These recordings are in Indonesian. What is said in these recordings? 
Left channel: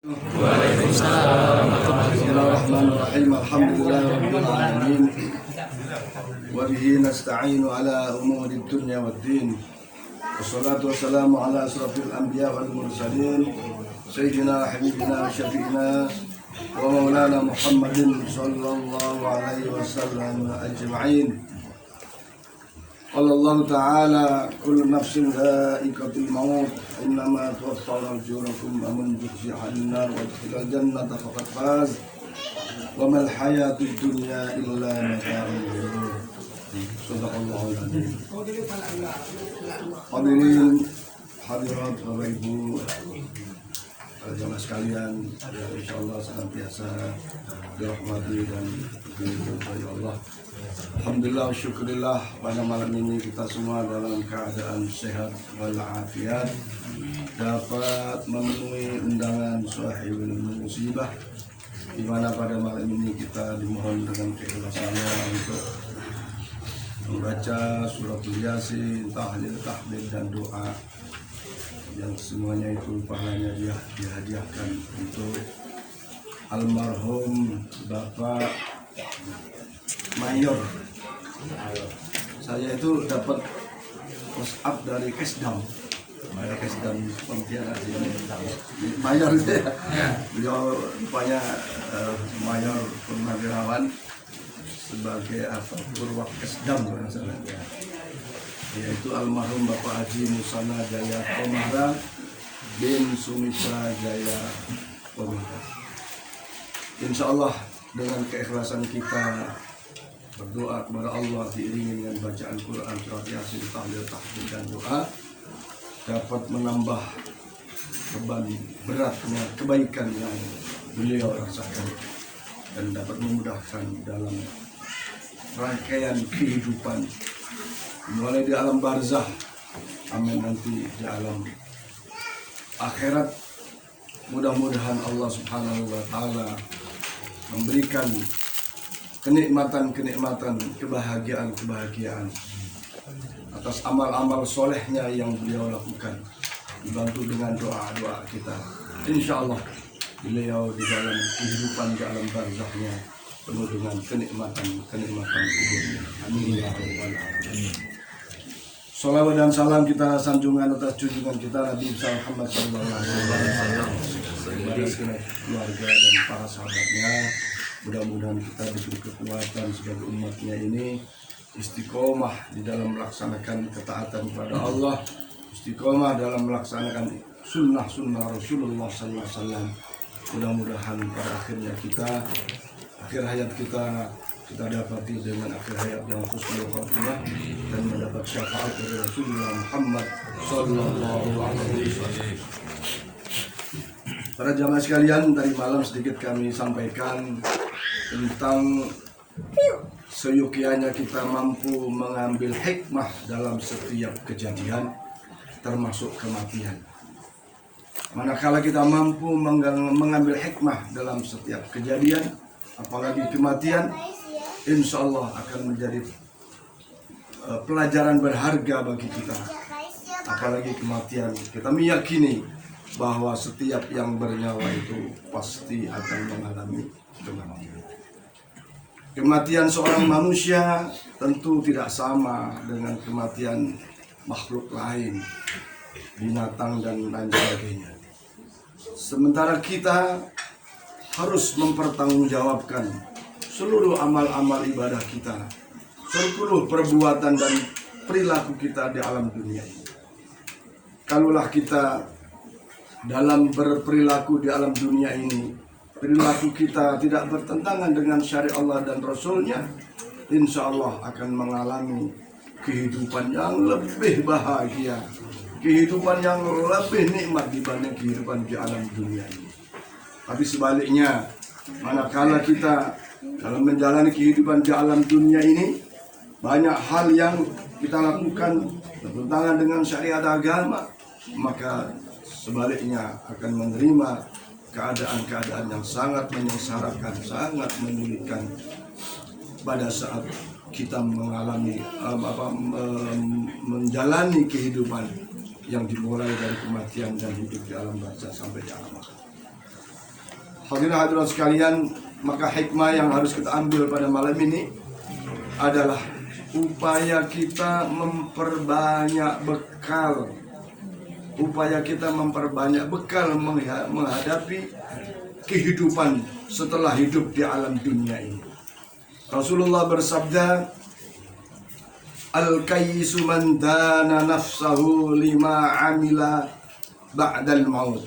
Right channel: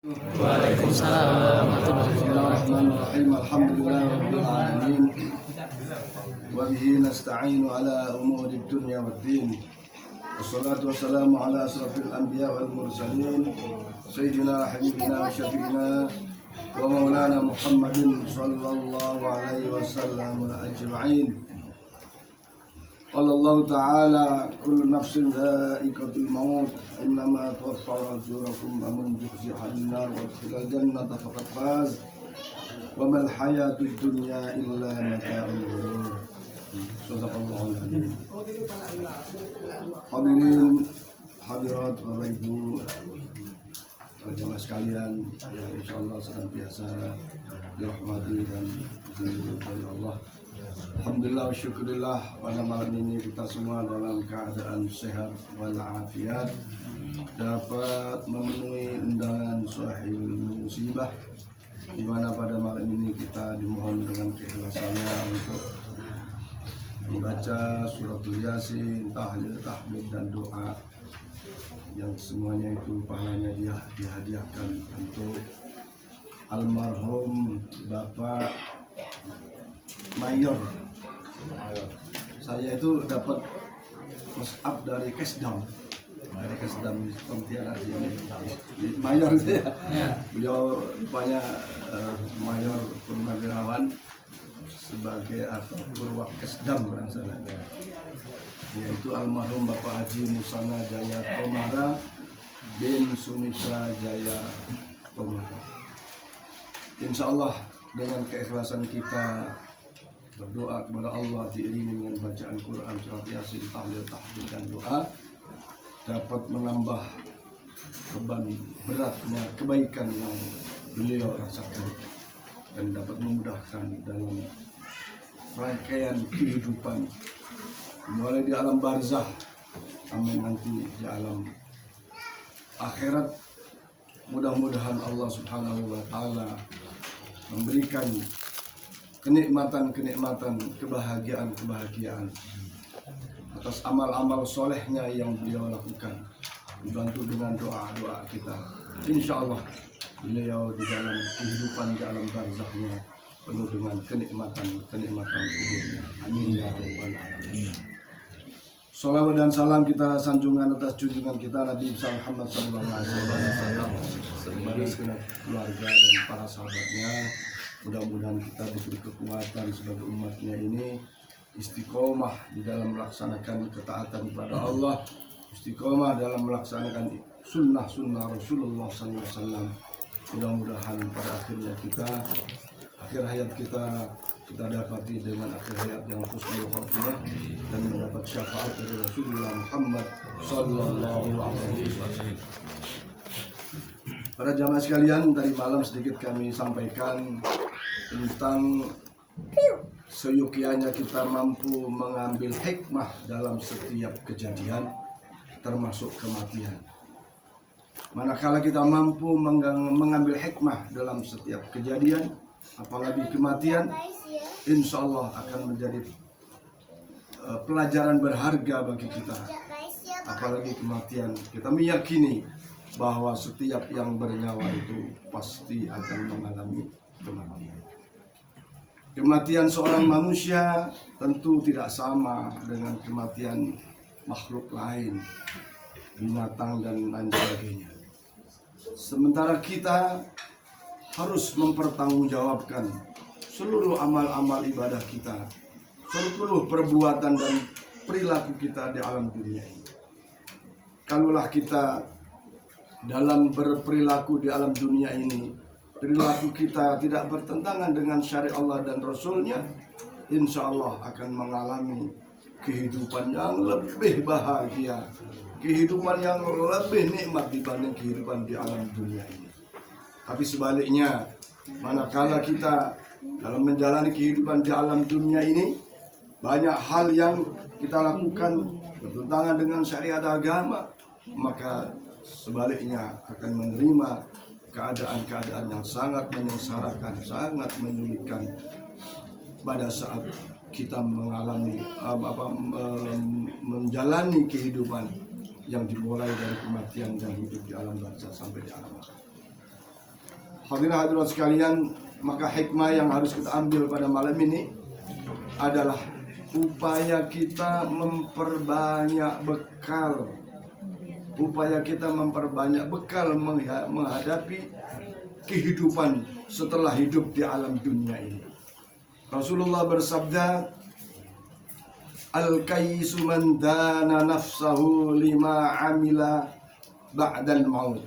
Waalaikumsalam. Bismillahirrahmanirrahim. Alhamdulillahirabbil alamin. Wa bihi nasta'inu ala umuri dunya waddin. Wassalatu wassalamu ala asrafil anbiya wal mursalin sayyidina wa habibina wa syafi'ina wa maulana Muhammadin sallallahu alaihi wasallam ajma'in. Qala Allah Ta'ala kullu nafsin dha'iqatul maut innama tuwaffawna ujurakum faman zuhziha 'anil nar wa udkhila jannata faqad faz wa mal hayatud dunya illa mata'ul ghurur. Shadaqallahul 'azim. Hadirin hadirat Bapak Ibu jamaah sekalian, insyaallah senantiasa dirahmati dan diberkahi Allah. Alhamdulillah, syukurillah, pada malam ini kita semua dalam keadaan sehat walafiat dapat memenuhi undangan sahibul musibah, di mana pada malam ini kita dimohon dengan keikhlasannya untuk membaca suratul Yasin, tahlil, tahmid dan doa yang semuanya itu pahalanya dia dihadiahkan untuk almarhum Bapak Mayor. Saya itu dapat push up dari Kesdam Pontianak sini. Mayor itu ya. Beliau rupanya Mayor Purnawirawan sebagai apa? Purwak Kesdam yaitu almarhum Bapak Haji Musana Jaya Komara bin Sumitra Jaya Komara. Insyaallah dengan keikhlasan kita berdoa kepada Allah diiringi dengan bacaan Quran, surat Yasin, tahlil, tahmid dan doa dapat menambah beban beratnya kebaikan yang beliau rasakan dan dapat memudahkan dalam rangkaian kehidupan mulai di alam barzah amin nanti di alam akhirat. Mudah-mudahan Allah Subhanahu wa taala memberikan kenikmatan, kebahagiaan atas amal-amal solehnya yang beliau lakukan, dibantu dengan doa-doa kita. Insya Allah beliau di dalam kehidupan di alam barzahnya penuh dengan kenikmatan kuburnya. Amin ya rabbal alamin. Salawat dan salam kita sanjungan atas junjungan kita Nabi Muhammad SAW, keluarga dan para sahabatnya. Mudah-mudahan kita diberi kekuatan sebagai umatnya ini istiqomah di dalam melaksanakan ketaatan kepada Allah, istiqomah dalam melaksanakan sunnah Rasulullah SAW. Mudah-mudahan pada akhirnya akhir hayat kita dapati dengan akhir hayat yang husnul khatimah dan mendapat syafaat dari Rasulullah Muhammad sallallahu alaihi wasallam. Para jamaah sekalian, tadi malam sedikit kami sampaikan tentang seyukianya kita mampu mengambil hikmah dalam setiap kejadian termasuk kematian. Manakala kita mampu mengambil hikmah dalam setiap kejadian, apalagi kematian, insya Allah akan menjadi pelajaran berharga bagi kita. Apalagi kematian, kita meyakini bahwa setiap yang bernyawa itu pasti akan mengalami kematian. Kematian seorang manusia tentu tidak sama dengan kematian makhluk lain, binatang dan lain sebagainya. Sementara kita harus mempertanggungjawabkan seluruh amal-amal ibadah kita, seluruh perbuatan dan perilaku kita di alam dunia ini. Kalaulah kita dalam berperilaku di alam dunia ini, perilaku kita tidak bertentangan dengan syariat Allah dan Rasulnya, insya Allah akan mengalami kehidupan yang lebih bahagia, kehidupan yang lebih nikmat dibanding kehidupan di alam dunia ini. Tapi sebaliknya, manakala kita dalam menjalani kehidupan di alam dunia ini, banyak hal yang kita lakukan bertentangan dengan syariat agama, maka sebaliknya akan menerima keadaan-keadaan yang sangat menyengsarakan, sangat menyulitkan pada saat kita mengalami menjalani kehidupan yang dimulai dari kematian dan hidup di alam barzah sampai di alam akhirat. Hadirin hadirat sekalian, maka hikmah yang harus kita ambil pada malam ini adalah upaya kita memperbanyak bekal. Upaya kita memperbanyak bekal menghadapi kehidupan setelah hidup di alam dunia ini. Rasulullah bersabda, Al-kayyisu man dana nafsahu lima amila ba'dal maut.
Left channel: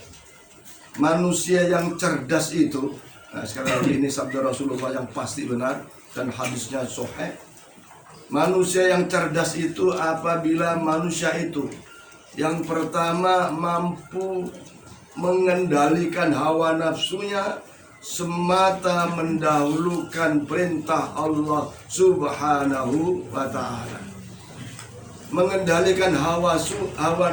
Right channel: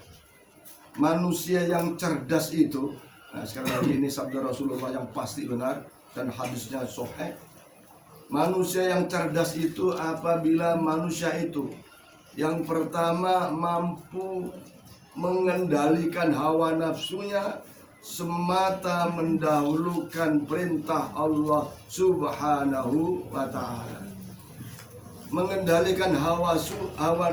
Manusia yang cerdas itu, nah sekali lagi ini sabda Rasulullah yang pasti benar dan hadisnya sahih. Manusia yang cerdas itu apabila manusia itu yang pertama mampu mengendalikan hawa nafsunya semata mendahulukan perintah Allah Subhanahu wa ta'ala. Mengendalikan hawa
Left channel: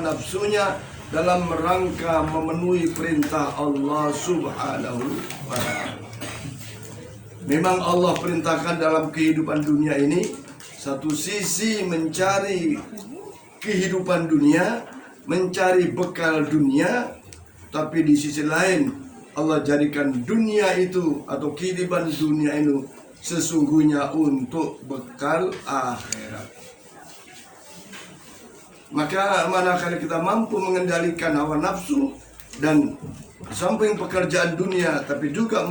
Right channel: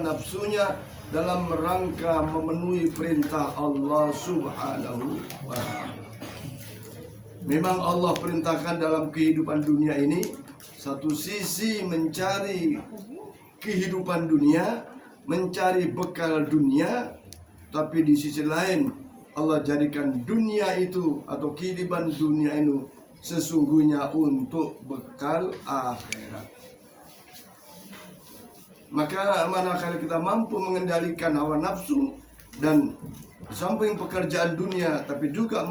nafsunya dalam rangka memenuhi perintah Allah Subhanahu wa ta'ala. Memang Allah perintahkan dalam kehidupan dunia ini, satu sisi mencari kehidupan dunia, mencari bekal dunia, tapi di sisi lain Allah jadikan dunia itu atau kehidupan dunia itu sesungguhnya untuk bekal akhirat. Maka manakala kita mampu mengendalikan hawa nafsu dan samping pekerjaan dunia, tapi juga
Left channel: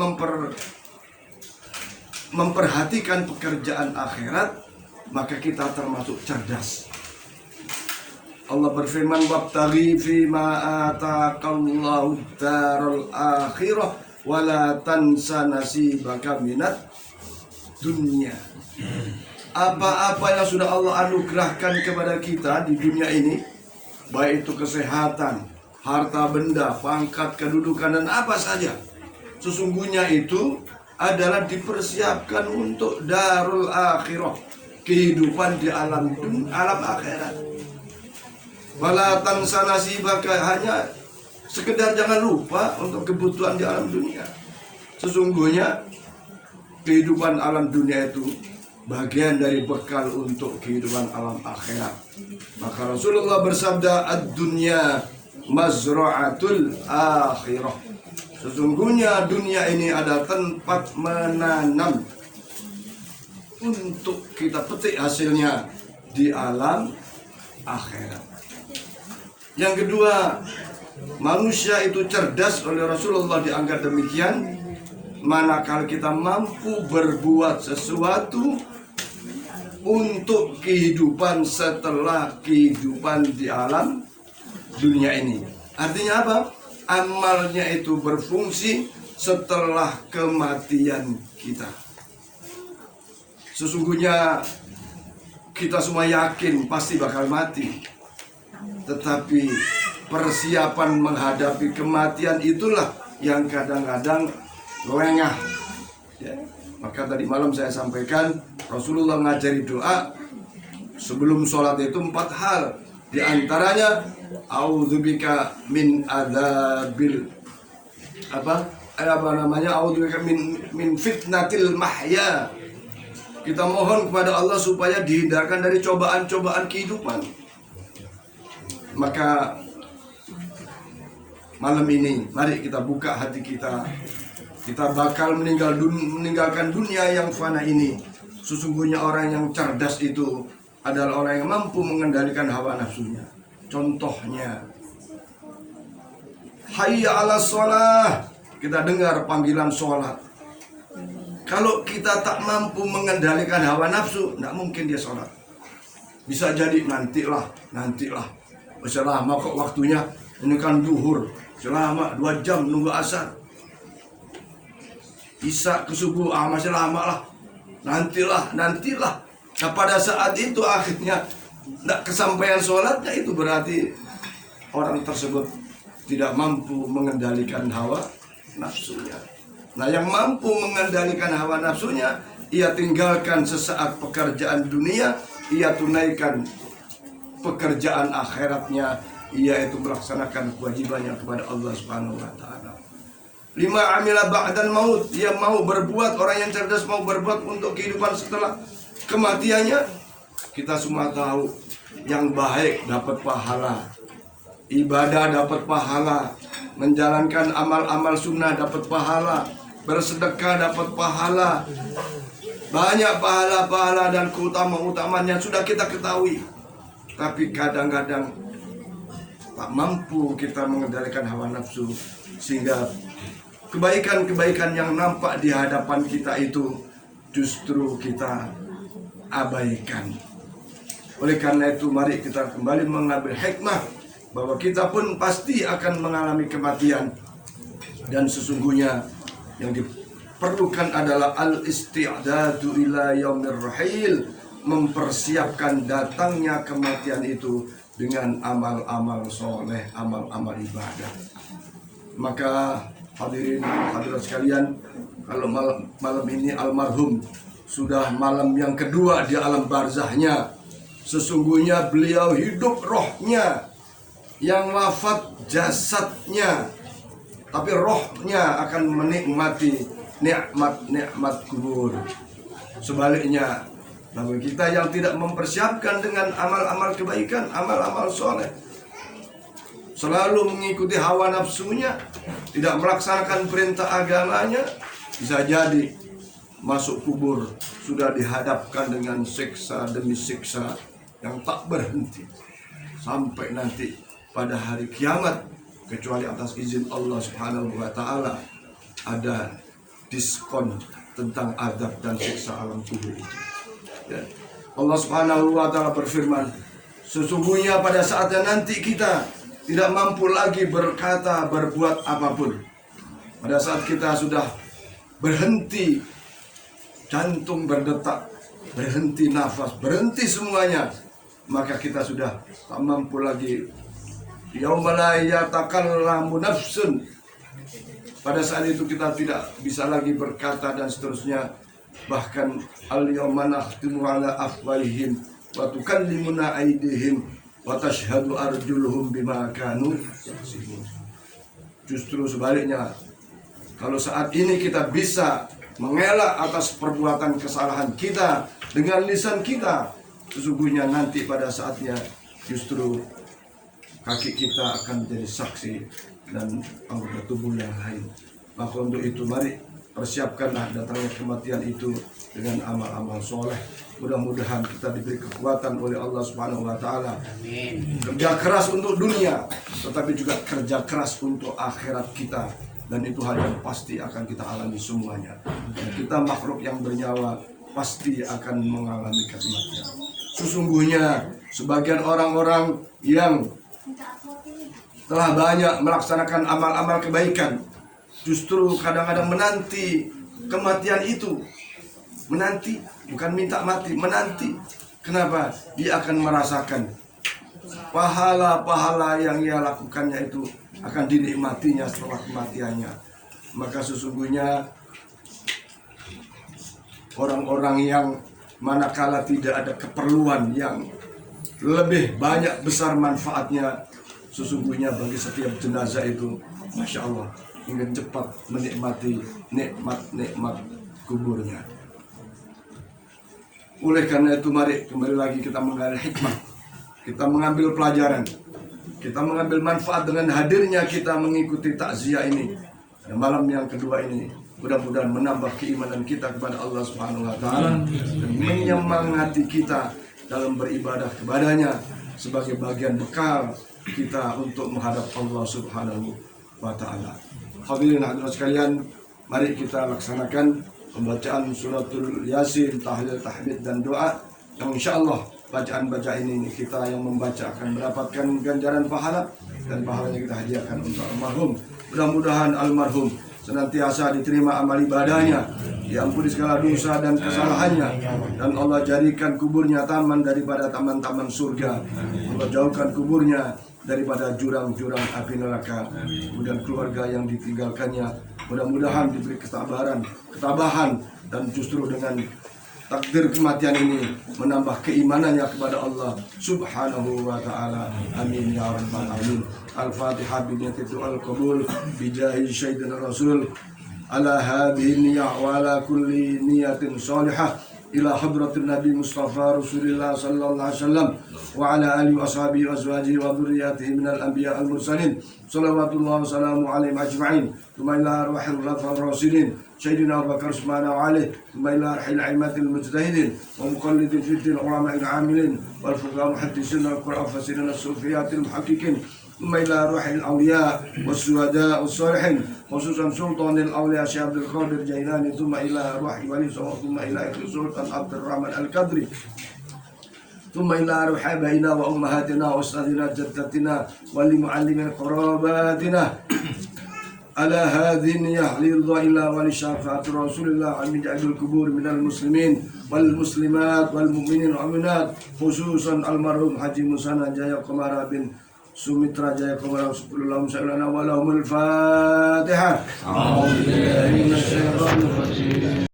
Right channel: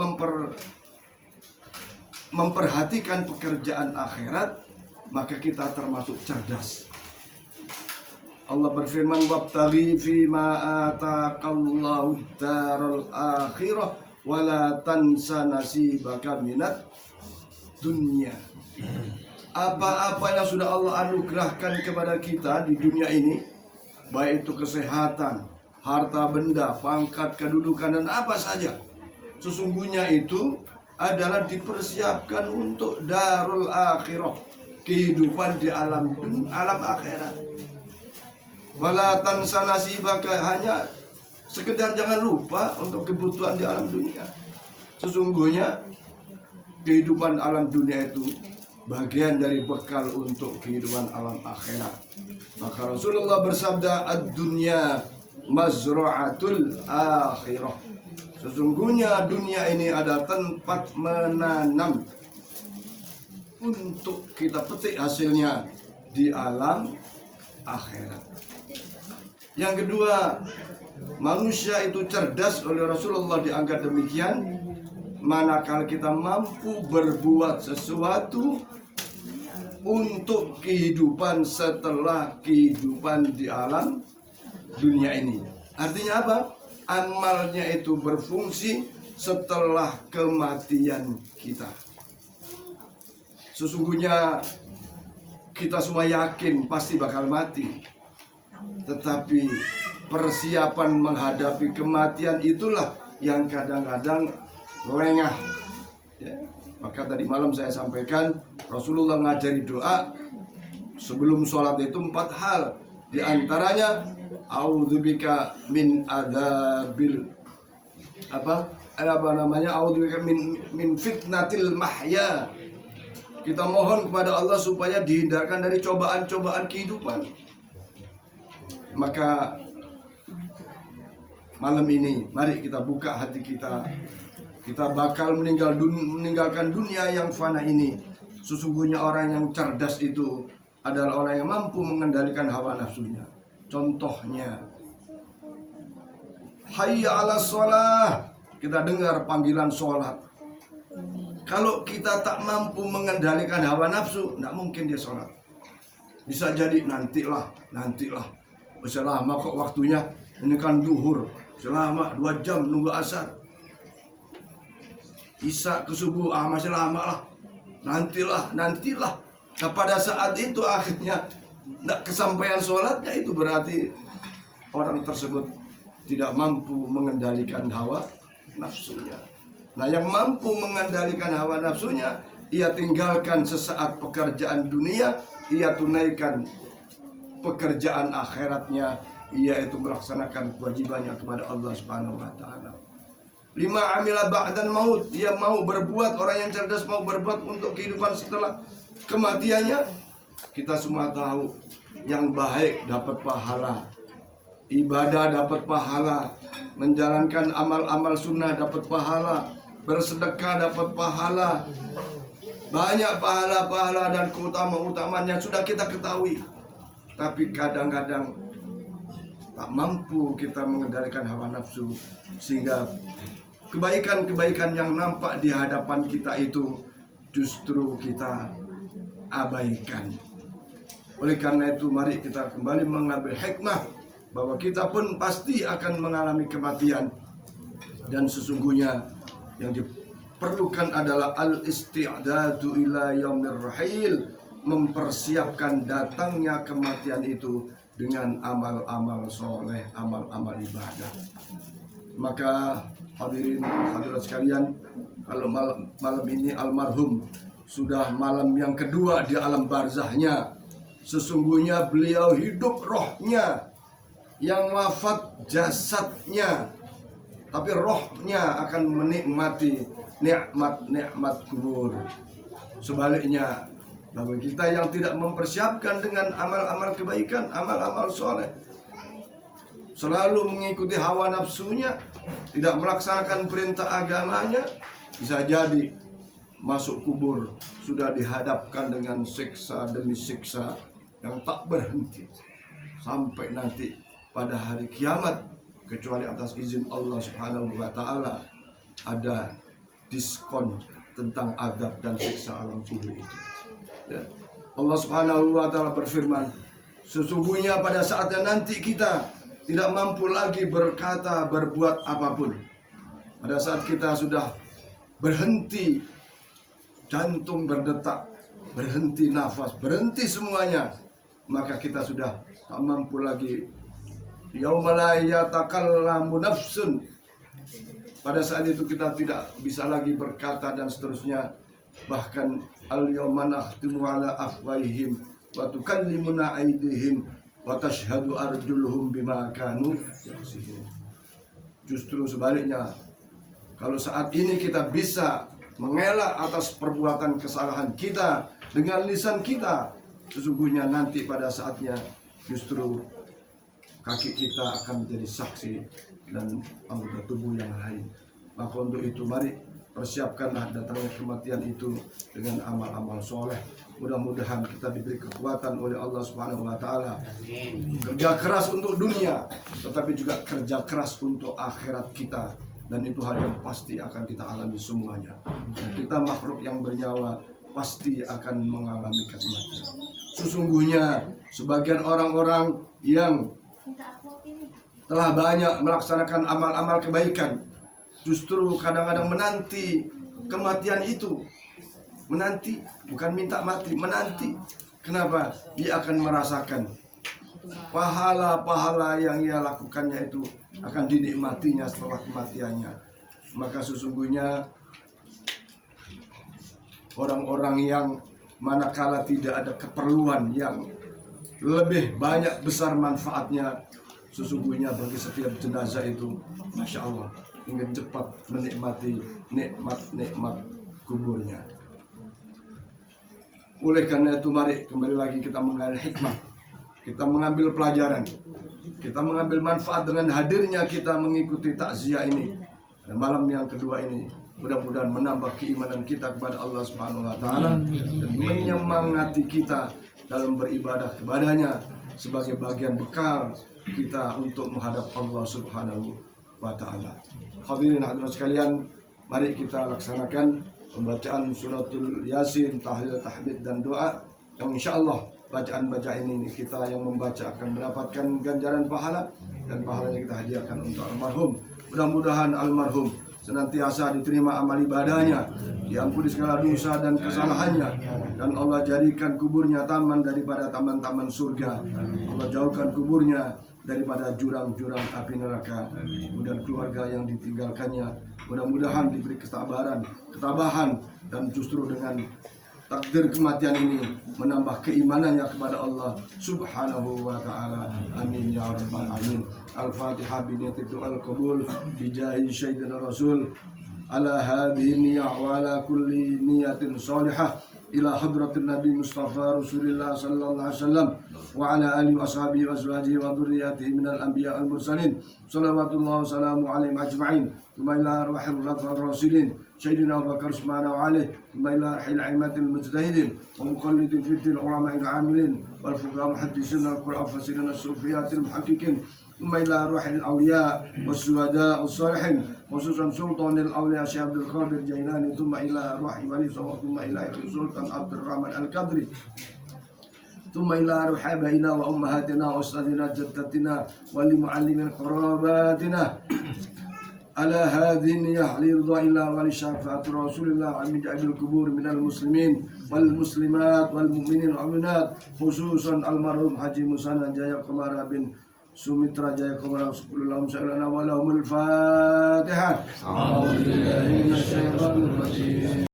memperhatikan pekerjaan akhirat, maka kita termasuk cerdas. Allah berfirman, wabtaghi fima ataqallahu daral akhirah wala tansa nasibaka minat dunia. Apa-apa yang sudah Allah anugerahkan kepada kita di dunia ini, baik itu kesehatan, harta benda, pangkat, kedudukan, dan apa saja, sesungguhnya itu adalah dipersiapkan untuk darul akhirah, kehidupan di alam akhirat. Wala tansa nasibaka, hanya sekedar jangan lupa untuk kebutuhan di alam dunia. Sesungguhnya kehidupan alam dunia itu bagian dari bekal untuk kehidupan alam akhirat. Maka Rasulullah bersabda, ad-dunya mazra'atul akhirah. Sesungguhnya dunia ini ada tempat menanam untuk kita petik hasilnya di alam akhirat. Yang kedua, manusia itu cerdas, oleh Rasulullah dianggap demikian manakala kita mampu berbuat sesuatu untuk kehidupan setelah kehidupan di alam dunia ini. Artinya apa? Amalnya itu berfungsi setelah kematian kita. Sesungguhnya kita semua yakin pasti bakal mati, tetapi persiapan menghadapi kematian itulah yang kadang-kadang lengah. Maka tadi malam saya sampaikan, Rasulullah ngajari doa sebelum sholat itu 4 hal. Di antaranya, a'udzubika min adzabil a'udzubika min fitnatil mahya. Kita mohon kepada Allah supaya dihindarkan dari cobaan-cobaan kehidupan. Maka malam ini mari kita buka hati kita. Kita bakal meninggalkan dunia yang fana ini. Sesungguhnya orang yang cerdas itu adalah orang yang mampu mengendalikan hawa nafsunya. Contohnya, hayya ala sholah. Kita dengar panggilan sholat. Kalau kita tak mampu mengendalikan hawa nafsu, tidak mungkin dia sholat. Bisa jadi nantilah. Masih lama kok waktunya, ini kan duhur. Selama 2 jam nunggu asar. Isya ke subuh, masih lama lah. Nantilah. Nah pada saat itu akhirnya tidak kesampaian sholatnya, itu berarti orang tersebut tidak mampu mengendalikan hawa nafsunya. Nah yang mampu mengendalikan hawa nafsunya, ia tinggalkan sesaat pekerjaan dunia, ia tunaikan pekerjaan akhiratnya, yaitu melaksanakan kewajibannya kepada Allah Subhanahu wa ta'ala. 5 amila ba'dal maut, dia mau berbuat, orang yang cerdas mau berbuat untuk kehidupan setelah kematiannya. Kita semua tahu, yang baik dapat pahala, ibadah dapat pahala, menjalankan amal-amal sunnah dapat pahala, bersedekah dapat pahala, banyak pahala-pahala dan keutamaan yang sudah kita ketahui. Tapi kadang-kadang tak mampu kita mengendalikan hawa nafsu, sehingga kebaikan-kebaikan yang nampak di hadapan kita itu justru kita abaikan. Oleh karena itu, mari kita kembali mengambil hikmah bahwa kita pun pasti akan mengalami kematian, dan sesungguhnya yang diperlukan adalah al-isti'dadu ila yaumir rahil, mempersiapkan datangnya kematian itu dengan amal-amal soleh, amal-amal ibadah. Maka hadirin hadirat sekalian, kalau malam ini almarhum sudah malam yang kedua di alam barzahnya, sesungguhnya beliau hidup rohnya, yang wafat jasadnya, tapi rohnya akan menikmati nikmat-nikmat kubur. Sebaliknya, bagi kita yang tidak mempersiapkan dengan amal-amal kebaikan, amal-amal soleh, selalu mengikuti hawa nafsunya, tidak melaksanakan perintah agamanya, bisa jadi masuk kubur sudah dihadapkan dengan siksa demi siksa yang tak berhenti sampai nanti pada hari kiamat, kecuali atas izin Allah Subhanahu wa taala ada diskon tentang azab dan siksa alam kubur itu. Ya. Allah Subhanahu wa taala berfirman, sesungguhnya pada saatnya nanti kita tidak mampu lagi berkata, berbuat apapun. Pada saat kita sudah berhenti jantung berdetak, berhenti nafas, berhenti semuanya, maka kita sudah tak mampu lagi. Yauma la yatakallamu nafsun. Pada saat itu kita tidak bisa lagi berkata dan seterusnya. Bahkan al-yawma nakhtimu ala afwahihim wa tukallimuna aydihim wa tashhadu arjuluhum bima kanu yaksibun. Justru sebaliknya, kalau saat ini kita bisa mengelak atas perbuatan kesalahan kita dengan lisan kita, sesungguhnya nanti pada saatnya justru kaki kita akan menjadi saksi dan anggota tubuh yang lain. Maka untuk itu mari persiapkanlah datangnya kematian itu dengan amal-amal soleh. Mudah-mudahan kita diberi kekuatan oleh Allah Subhanahu wa taala. Kerja keras untuk dunia, tetapi juga kerja keras untuk akhirat kita, dan itu hal yang pasti akan kita alami semuanya. Dan kita makhluk yang bernyawa pasti akan mengalami kematian. Sesungguhnya sebagian orang-orang yang telah banyak melaksanakan amal-amal kebaikan justru kadang-kadang menanti kematian itu. Menanti, bukan minta mati, menanti. Kenapa? Dia akan merasakan pahala-pahala yang ia lakukannya itu akan dinikmatinya setelah kematiannya. Maka sesungguhnya orang-orang yang manakala tidak ada keperluan yang lebih banyak besar manfaatnya, sesungguhnya bagi setiap jenazah itu, Masya Allah, ingin cepat menikmati nikmat-nikmat kuburnya. Oleh karena itu mari kembali lagi kita mengambil hikmah, kita mengambil pelajaran, kita mengambil manfaat dengan hadirnya kita mengikuti takziah ini. Dan malam yang kedua ini mudah-mudahan menambah keimanan kita kepada Allah Subhanahu wa taala dan menyemangati kita dalam beribadah kepadanya sebagai bagian bekal kita untuk menghadap Allah Subhanahu wa taala. Hadirin hadirat sekalian, mari kita laksanakan pembacaan suratul Yasin, tahlil, tahmid dan doa, yang insyaallah bacaan-bacaan ini kita yang membaca akan mendapatkan ganjaran pahala, dan pahalanya kita hadiahkan untuk almarhum. Mudah-mudahan almarhum senantiasa diterima amal ibadahnya, diampuni segala dosa dan kesalahannya, dan Allah jadikan kuburnya taman daripada taman-taman surga. Allah jauhkan kuburnya daripada jurang-jurang api neraka. Kemudian keluarga yang ditinggalkannya mudah-mudahan diberi ketabahan, dan justru dengan takdir kematian ini menambah keimanannya kepada Allah Subhanahu wa taala. Amin ya rabbal alamin. Al-Fatihah bi niyyati du'al qabul bi jahi sayyidina Rasul ala hadhihi niyyah wa ala kulli niyyatin salihah ila hadratin Nabi Mustafa Rasulullah sallallahu alaihi wasallam wa ala alihi wa sahbihi wa azwajihi wa dhurriyyatihi minal anbiya al mursalin salawatullah wa salamu alaihim ajma'in thumma ila arwahil khulafa'ir rasyidin sayyidina Abu Bakar Usman wa Ali thumma ila arwahil a'immatil mujtahidin wa muqallidin fi din ulama'il 'amilin wal fuqaha muhaddisin wal qur'an fasirin as-sufiyatil muhaqqiqin ثم إلى روح الأولياء والشهداء والصالحين خصوصا سلطان الأولياء شيخ عبد القادر الجيلاني ثم إلى روح ولي ثم إلى سلطان عبد الرحمن القدري ثم إلى روح أبائنا وأمهاتنا وأستاذنا جدتنا ولمعلم قراباتنا على هذه النية لرضا الله ولشفاعة رسول الله من جعل القبور من المسلمين والمسلمات والمؤمنين والمؤمنات خصوصا المرحوم حاجي مسانا جايا قمر بن Sumitra Jaya Kumara Subhanallah Sallallahu Alaihi Wasallam Al-Fatihah.